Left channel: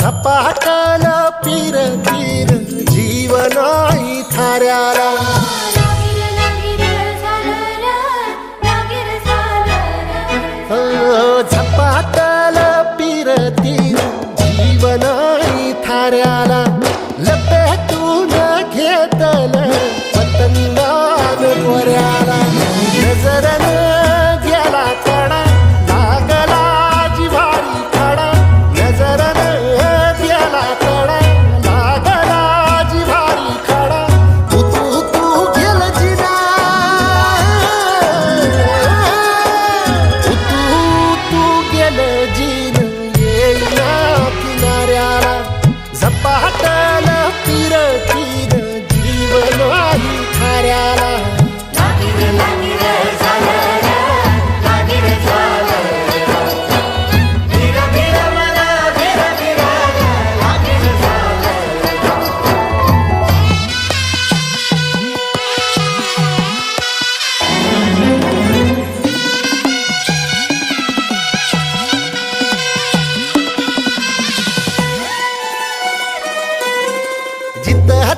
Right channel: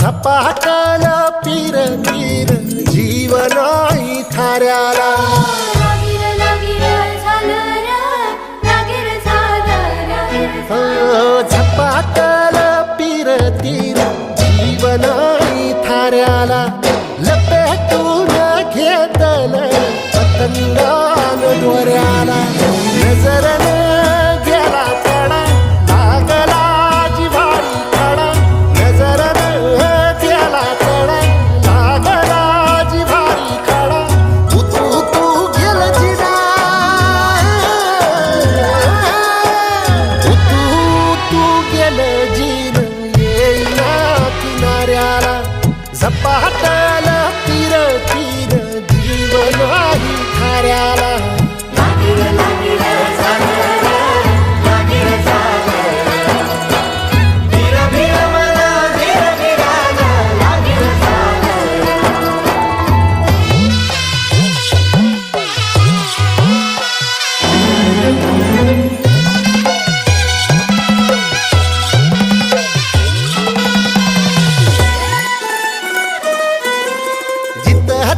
झपाटल पीर पीर जीवनाई थाऱ्याला झपाटल पीर तीर जीवनाई थाऱ्याला लपेटून घेतल पतंगान दोऱ्याला नजरन गेला कडा लागला जिव्हारी खडा नजरन गेला कडा लागला जिव्हारी खडा तू तू गेल जिना तू गेल जिन येईना किनाऱ्याला झपाटल पीर पीर जीवनाही थाऱ्याला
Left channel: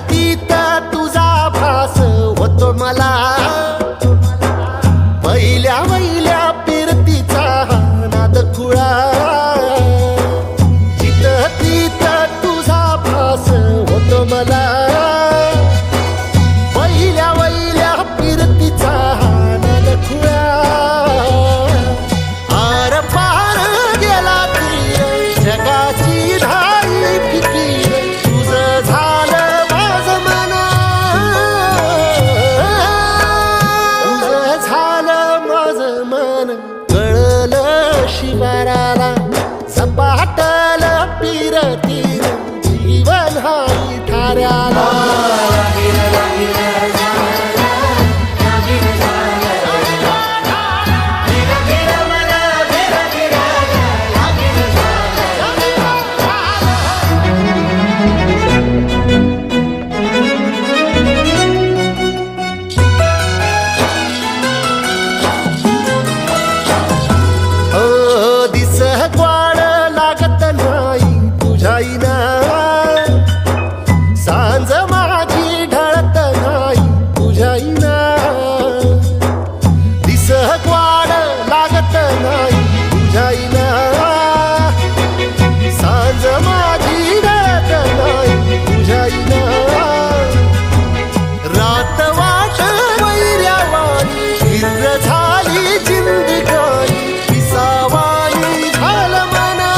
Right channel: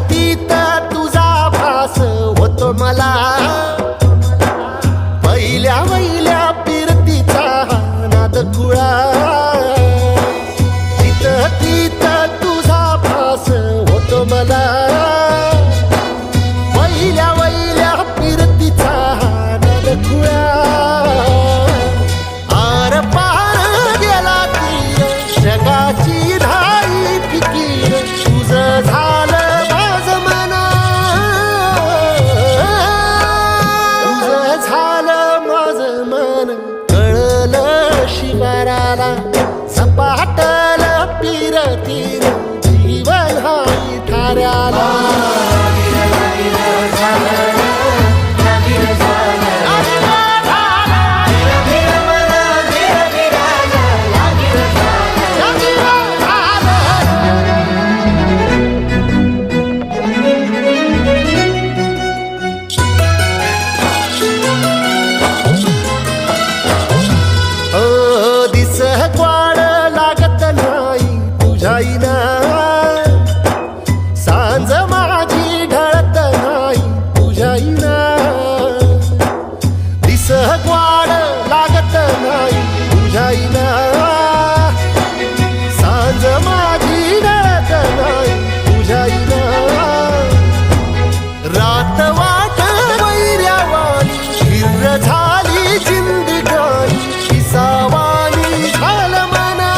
तिथं तुझा भास होतो मला पहिल्या वहिल्या पिरतीचा नाद खुळा जिथं तिथं तुझा भास होतो मला पहिल्या वहिल्या पिरतीचा नाद खुळा आर पार गेला तीर जगाची धाई फिकीर तुझं झालं शिवाराला झपाटल पीर तीर जीवन हाई थाऱ्याला ग्वाड लागत नाही तुझ्याईना सांज माझी ढळत नाही तुझ्याईना दिस ग्वाड लागत नाही तुझ्याईना सांज माझी ढळत नाही तुझ्याईना रात वाट वैर्यावानी हिर झाली जिंदगानी पिसावानी झालं मना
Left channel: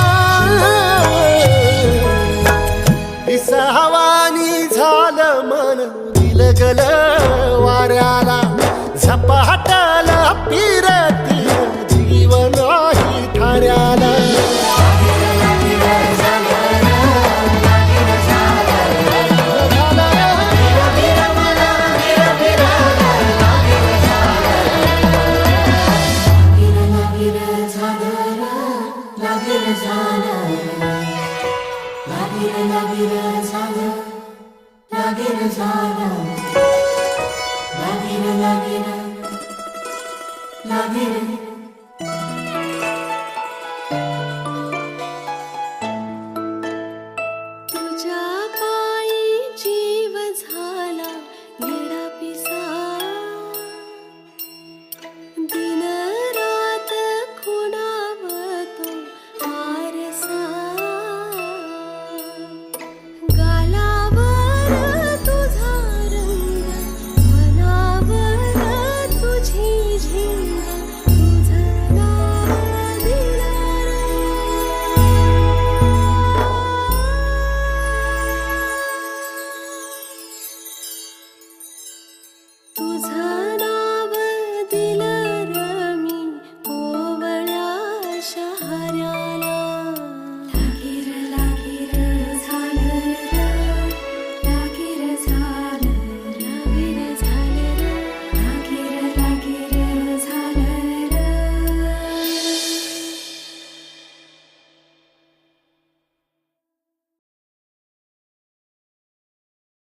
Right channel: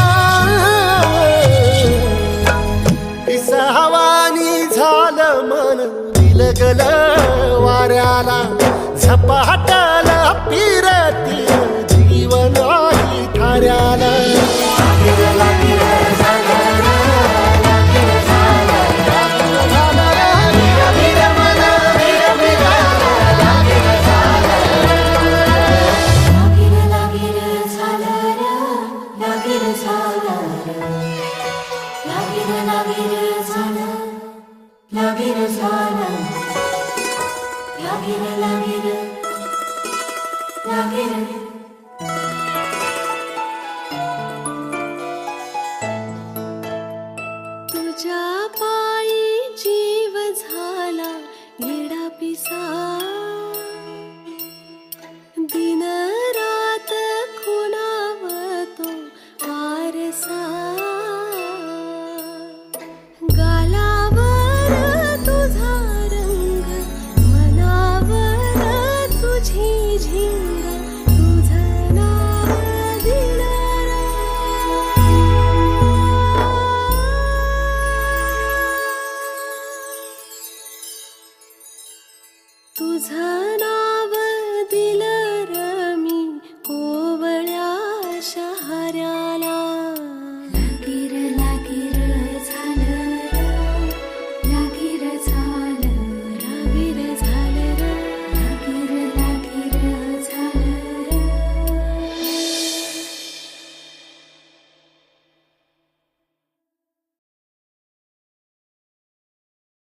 पिसावानी झालं मन दिलगल वाऱ्याला झपाटल पीर तीर जीवनाही थाऱ्याला